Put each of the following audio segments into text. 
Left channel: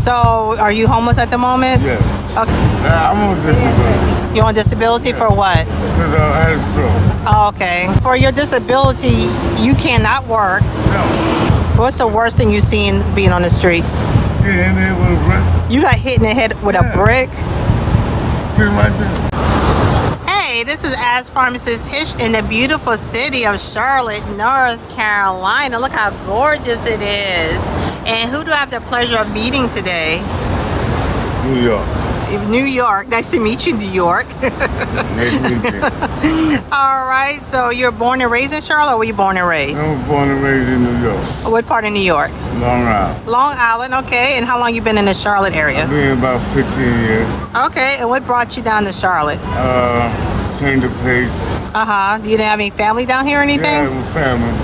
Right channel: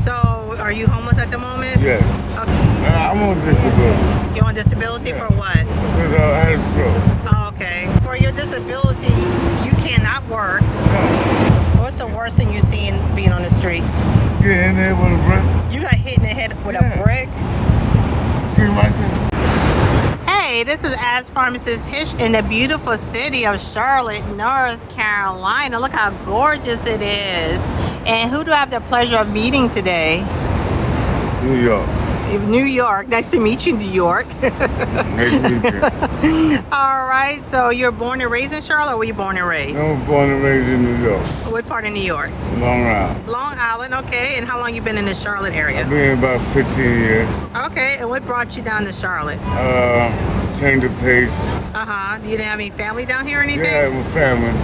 So, are you homeless at the moment? Yes. Okay. I'm on disability. You're on disability for what? Because I had a stroke. Oh, okay. For your disability, you cannot work. No. What's the worst thing you've seen being on the streets? Get in there with a brick. You got hit in the head with a brick? See right there. Hey, this is askrphtish in the beautiful city of Charlotte, North Carolina. Look how gorgeous it is. And who do I have the pleasure of meeting today? New York. New York. Nice to meet you, New York. Nice to meet you. All right. So you're born and raised in Charlotte, or were you born and raised? I was born and raised in New York. What part of New York? Long Island. Long Island. Okay. And how long you been in the Charlotte area? I've been about 15 years. Okay. And what brought you down to Charlotte? Change the pace. You didn't have any family down here or anything? Yeah, I have a family.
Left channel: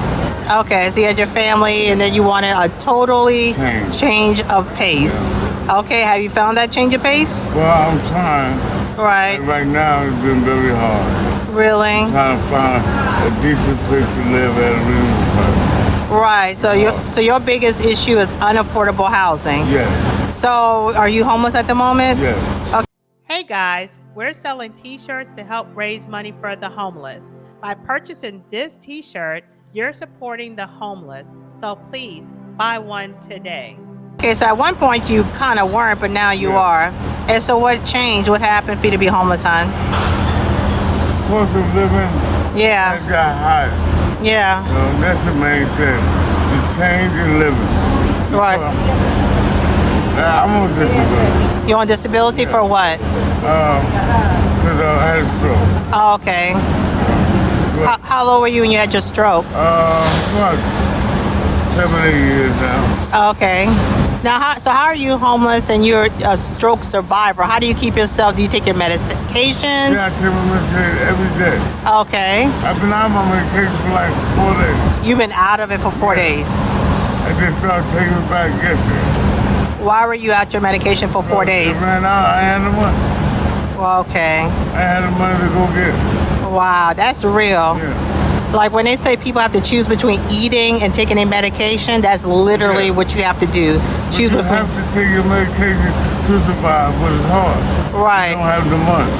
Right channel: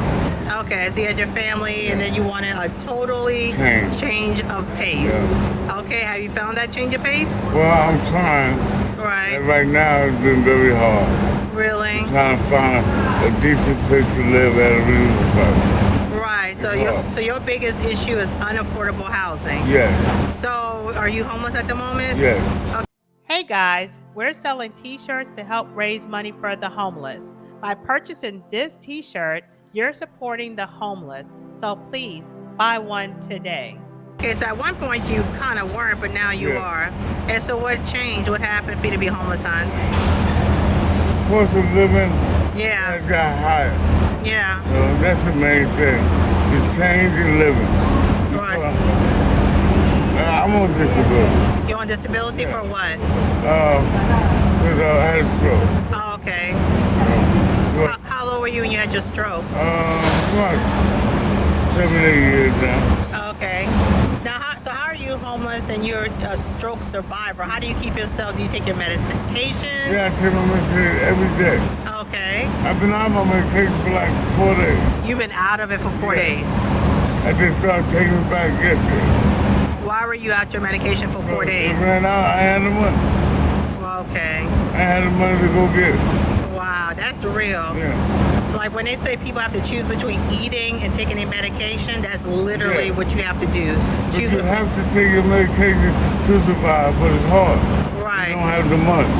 Okay, so you had your family and then you wanted a totally change of pace. Yeah. Okay, have you found that change of pace? Well, I'm trying. Right. And right now it's been very hard. Really? I'm trying to find a decent place to live at a reasonable price. Right, so your biggest issue is unaffordable housing. Yes. So are you homeless at the moment? Yes. Okay. Hey guys, we're selling t-shirts to help raise money for the homeless. By purchasing this t-shirt, you're supporting the homeless, so please buy one today. Okay, so at one point you kind of weren't, but now you are. And so what changed? What happened for you to be homeless, hon? Cost of living Yeah. got higher. Yeah. That's the main thing. The change in living. Right. I'm on disability. You're on disability for what? Because I had a stroke. Oh, okay. How old were you when you had your stroke? About 7, 8 years now. Okay. Now, how are you homeless and you're a stroke survivor? How do you keep yourself? Do you take your medications? Yeah, I take my medication every day. Okay. I've been on my medication for like 4 days. You've been out of it for 4 days? I just started taking it back yesterday. Why were you out your medication for 4 days? It ran out. I had the money. Well, okay. I had the money to go get it. Wow, that's real. Yeah. Like when they say people have to choose between eating and taking their medication, that's literally what you have to do. But you have to take your medication to survive, but it's hard. Right. You don't have the money.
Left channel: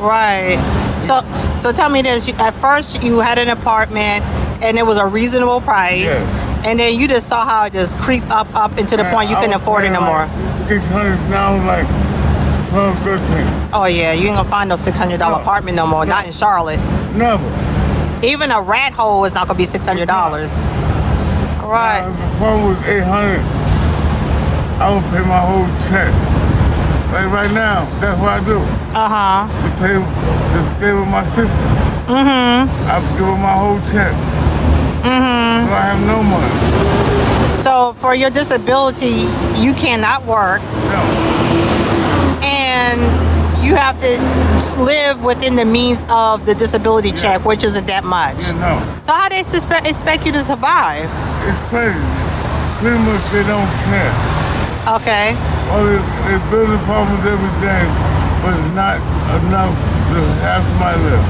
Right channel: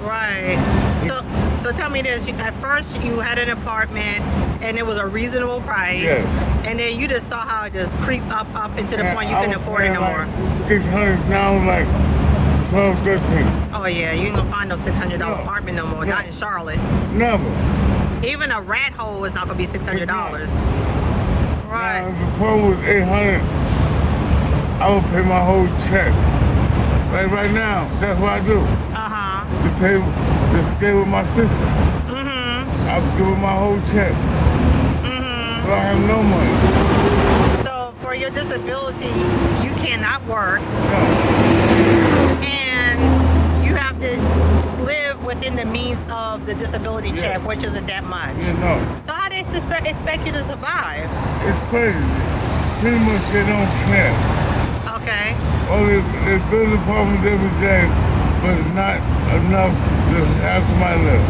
Right. So tell me this. At first, you had an apartment, and it was a reasonable price. Yes. And then you just saw how it just creeped up into the point you couldn't afford it no more. $600 now, like 12, 13. Oh yeah, you ain't gonna find no $600 apartment no more. Not in Charlotte. Never. Even a rat hole is not gonna be $600. Right. Now, if the phone was $800, I would pay my whole check. Like right now, that's what I do. To stay with my sister. I give her my whole check. So I have no money. So for your disability, you cannot work. No. And you have to live within the means of the disability check, which isn't that much. You know. So how they expect you to survive? It's crazy. Pretty much they don't care. Okay. Well, they build apartments every day, but it's not enough to have somebody live.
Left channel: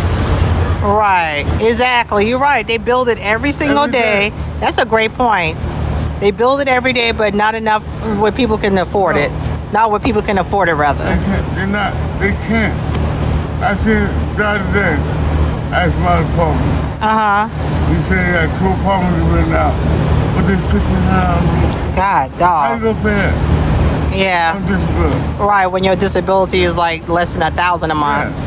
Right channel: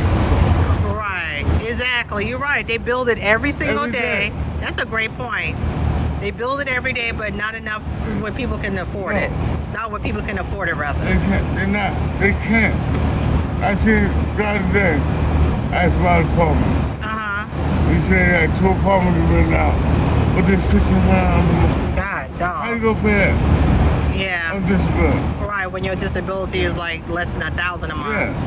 Right. Exactly. You're right. They build it every single day. That's a great point. They build it every day, but not enough where people can afford it. Not where people can afford it, rather. They can't. They can't. I seen the other day. I asked my apartment. He said he had 2 apartments written out, but they're $1,500. God, dog. How you gonna pay that? Yeah. I'm disability. Right, when your disability is like less than $1,000 a month. Yeah.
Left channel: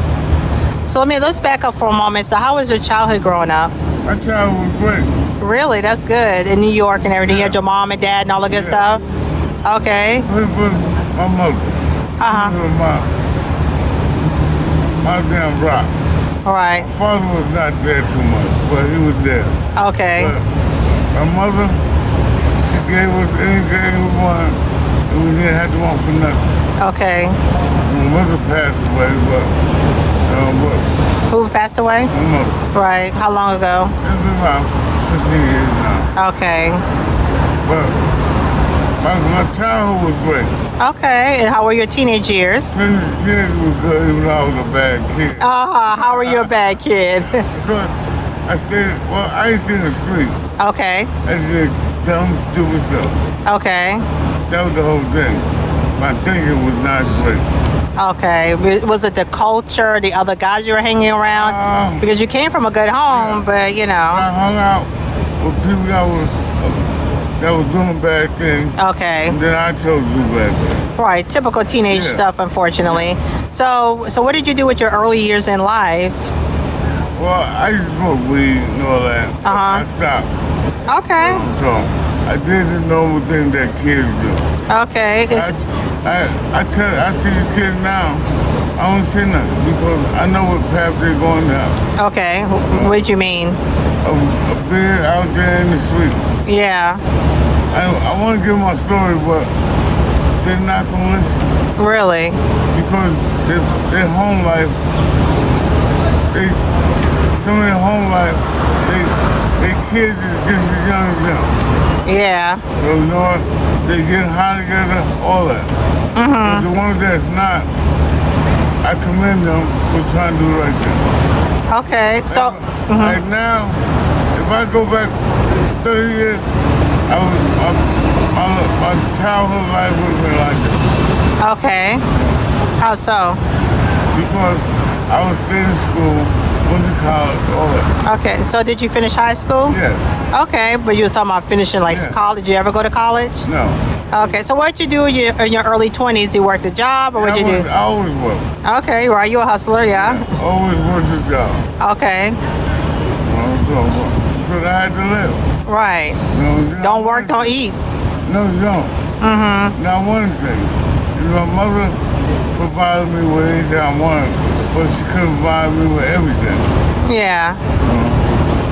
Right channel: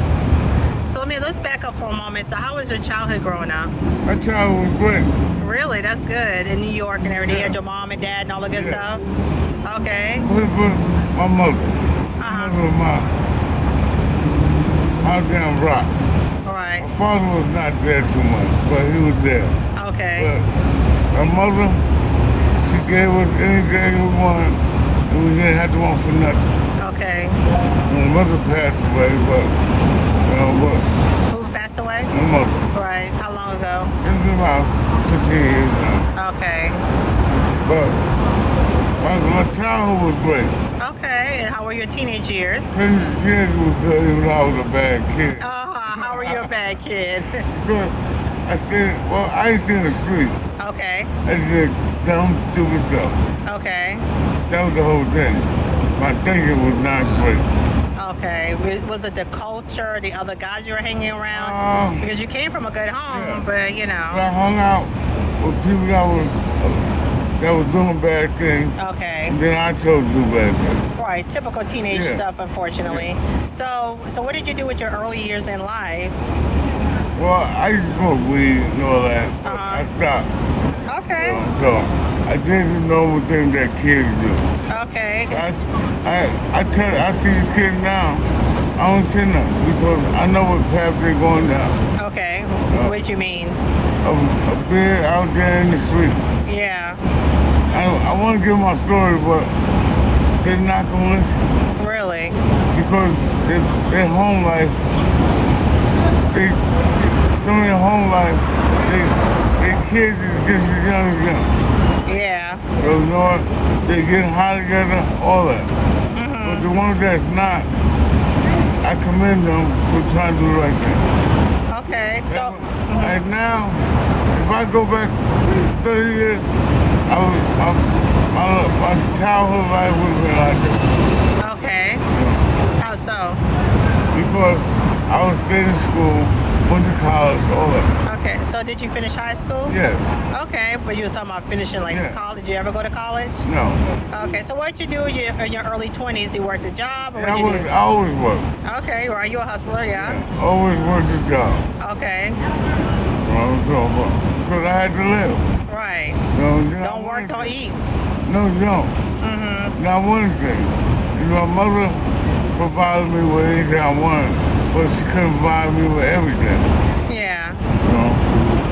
So let's back up for a moment. So how was your childhood growing up? My childhood was great. Really? That's good. In New York and everything. You had your mom and dad and all the good stuff? Okay. But my mother. My damn rock. All right. My father was not there too much, but he was there. Okay. But my mother, she gave us anything we wanted, and we didn't have to want for nothing. Okay. And my mother passed away, but who passed away? my mother. Right. How long ago? It's been about 15 years now. Okay. But my childhood was great. Okay. And how were your teenage years? Teenage was good, even though I was a bad kid. How were you a bad kid? Because I ain't stay in the street. Okay. I just did dumb, stupid stuff. Okay. That was the whole thing. My thinking was not great. Okay. Was it the culture, the other guys you were hanging around? Because you came from a good home, but you know. I hung out with people that was doing bad things. Okay. And then I chose to do bad things. Right. Typical teenage stuff, unfortunately. So what did you do with your early years in life? Well, I used to smoke weed and all that. I stopped. Okay. So I did the normal thing that kids do. Okay. I see these kids now. I don't say nothing because I know what path they're going down. Okay. What do you mean? A beer out there in the street. Yeah. I want to give my story, but they're not going to listen. Really? Because their home life, some of their home life, their kids is just as young as them. Yeah. So you know what? They get high together, all that. But the ones that's not, I commend them for trying to do the right thing. Okay. So right now, if I go back 30 years, my childhood life would have been like this. Okay. How so? Because I was staying in school, went to college, all that. Okay. So did you finish high school? Yes. Okay, but you was talking about finishing college. Did you ever go to college? No. Okay. So what did you do in your early 20s? Did you work the job or what did you do? I always worked. Okay. Right. You a hustler, yeah? Always worked the job. Okay. Because I had to live. Right. Don't work, don't eat. No, you don't. Now, one of the things, my mother provided me with anything I wanted, but she couldn't provide me with everything. Yeah.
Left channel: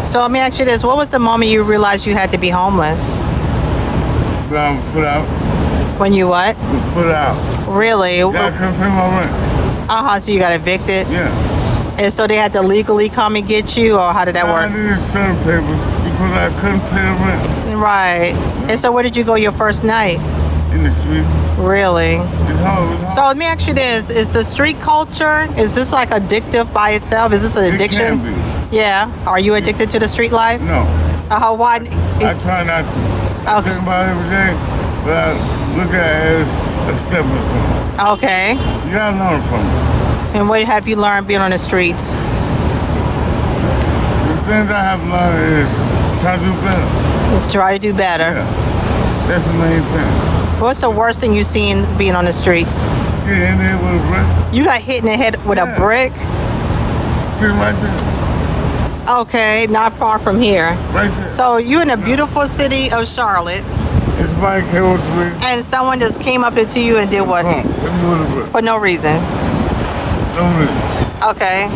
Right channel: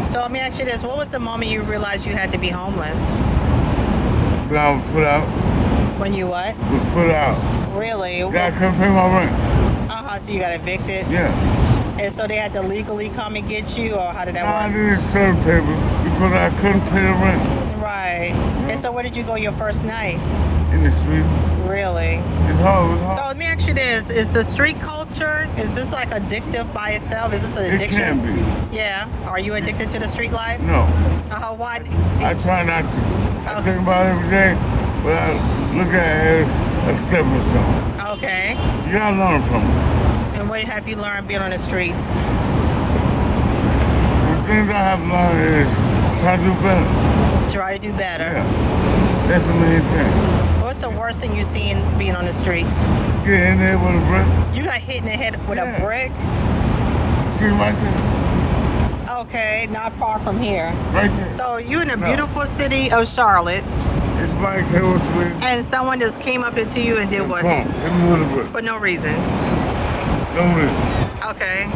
So let me ask you this. What was the moment you realized you had to be homeless? When I was put out. When you what? Was put out. Really? Yeah, I couldn't pay my rent. So you got evicted? Yeah. And so they had to legally come and get you, or how did that work? I needed certain papers because I couldn't pay the rent. Right. And so where did you go your first night? In the street. Really? It's hard. So let me ask you this. Is the street culture, is this like addictive by itself? Is this an addiction? It can be. Yeah. Are you addicted to the street life? No. Why? I try not to. I think about it every day, but I look at it as a stepping stone. Okay. You gotta learn from it. And what have you learned being on the streets? The things I have learned is try to do better. Try to do better. Yeah. That's the main thing. What's the worst thing you've seen being on the streets? Get in there with a brick. You got hit in the head with a brick? See right there. Okay, not far from here. Right there. So you're in a beautiful city of Charlotte. It's Mike Hill Street. And someone just came up into you and did what? Hit me with a brick. For no reason. No reason. Okay.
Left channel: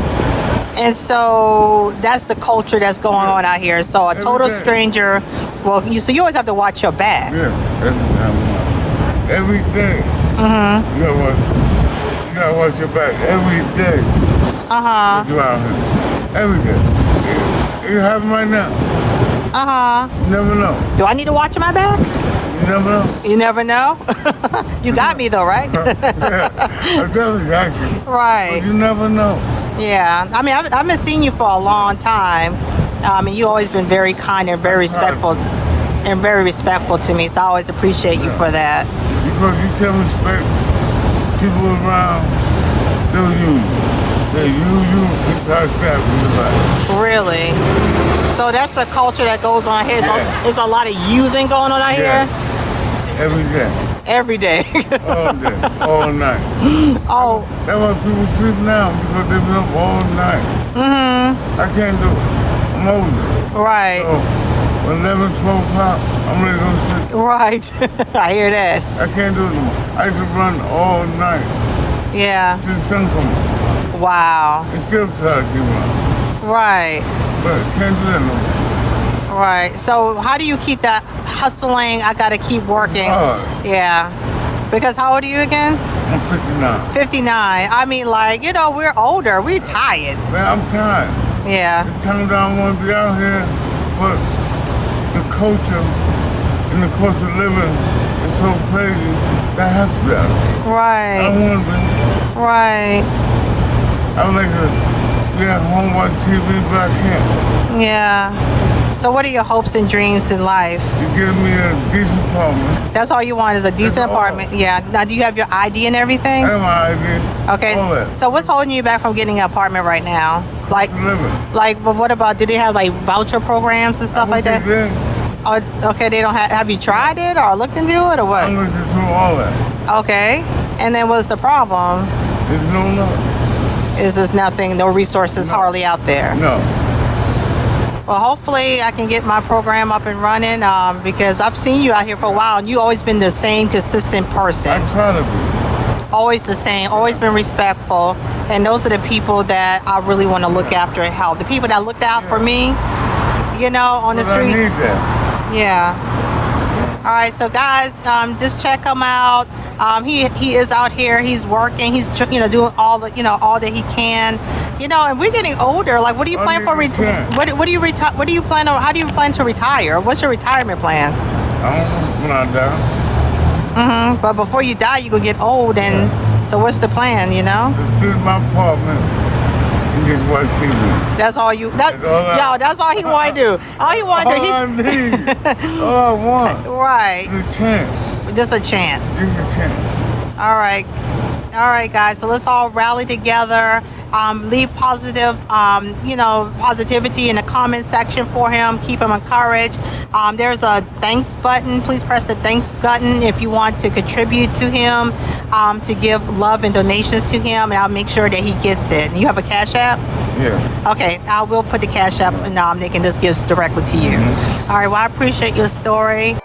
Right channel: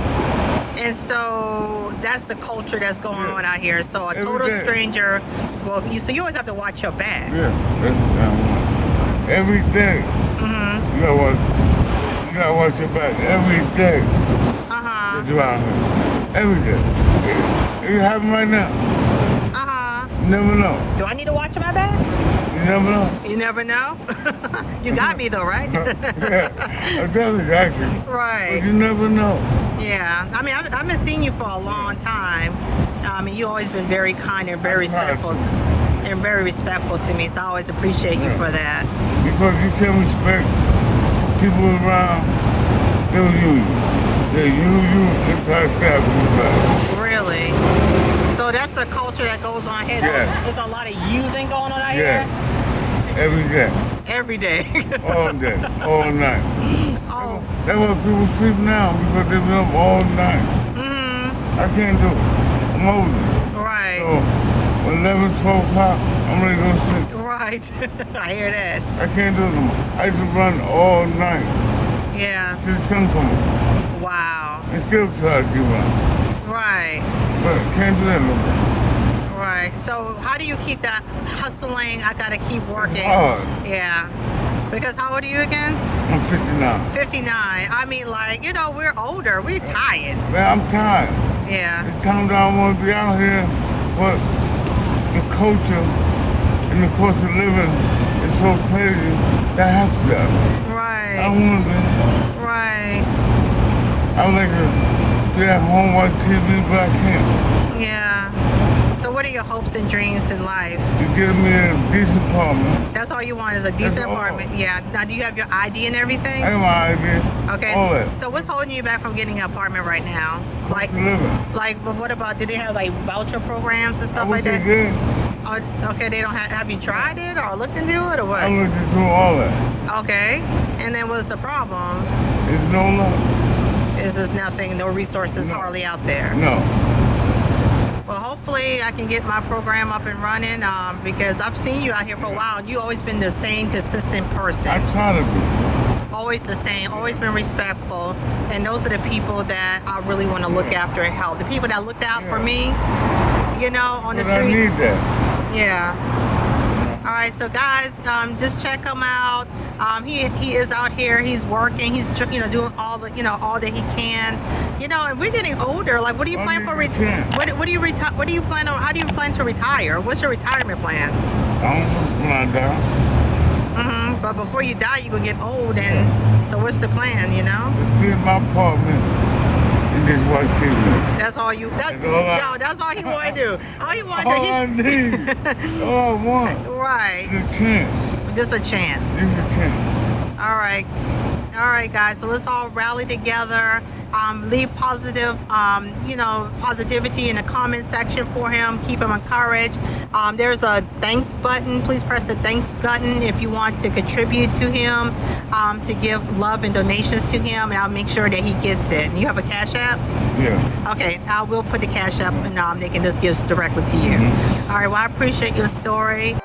And so that's the culture that's going on out here. So a total stranger, so you always have to watch your back. Yeah, that's what I want. Every day. You gotta watch your back every day. You out here. Every day. It happen right now. You never know. Do I need to watch my back? You never know. You never know? You got me though, right? Yeah, I definitely got you. Right. But you never know. Yeah. I mean, I've been seeing you for a long time. You've always been very kind and very respectful. And very respectful to me, so I always appreciate you for that. Because you can respect people around, they'll use you. They use you and try to stab you in the back. Really? So that's the culture that goes on here. Yeah. So there's a lot of using going on out here? Every day. Every day. All day. All night. Oh. That's why people sleep now, because they've been up all night. I can't do it. I'm older. Right. So, 11, 12 o'clock, I'm ready to go to sleep. Right. I hear that. I can't do it no more. I used to run all night. Yeah. Till the sun come up. Wow. And still try to keep running. Right. But can't do that no more. Right. So how do you keep that hustling? I got to keep working. It's hard. Yeah. Because how old are you again? I'm 59. 59. I mean, we're older. We're tired. Man, I'm tired. Yeah. It's time that I want to be out here, but the culture and the cost of living is so crazy that I have to be out here. Right. I don't want to be. Right. I would like to be at home watching TV, but I can't. Yeah. So what are your hopes and dreams in life? To give me a decent apartment. That's all you want is a decent apartment? Yeah. Now, do you have your ID and everything? I have my ID. Okay. All that. So what's holding you back from getting an apartment right now? Cost of living. But what about, do they have like voucher programs and stuff like that? They did. Oh, okay, they don't have you tried it or looked into it or what? I looked into all that. Okay. And then what's the problem? There's no love. Is this nothing, no resources hardly out there? No. Well, hopefully I can get my program up and running because I've seen you out here for a while and you've always been the same consistent person. I try to be. Always the same, always been respectful. And those are the people that I really want to look after and help. The people that looked out for me, you know, on the street. I need that. Yeah. All right, so guys, just check him out. He is out here. He's working. He's doing all that he can. You know, and we're getting older. Like, what do you plan for? What do you retire? What do you plan on? How do you plan to retire? What's your retirement plan? I don't know when I die. But before you die, you gonna get old, and so what's the plan? You know? To sit in my apartment and just watch TV. That's all you. That's all he want to do. All he want to do. All I need. All I want. Right. Is a chance. Just a chance. Just a chance. All right, guys. So let's all rally together. Leave positive, positivity in the comment section for him. Keep him encouraged. There's a thanks button. Please press the thanks button if you want to contribute to him, to give love and donations to him, and I'll make sure that he gets it. And you have a Cashapp? Yeah. Okay, I will put the Cashapp and they can just give directly to you. All right, well, I appreciate your story.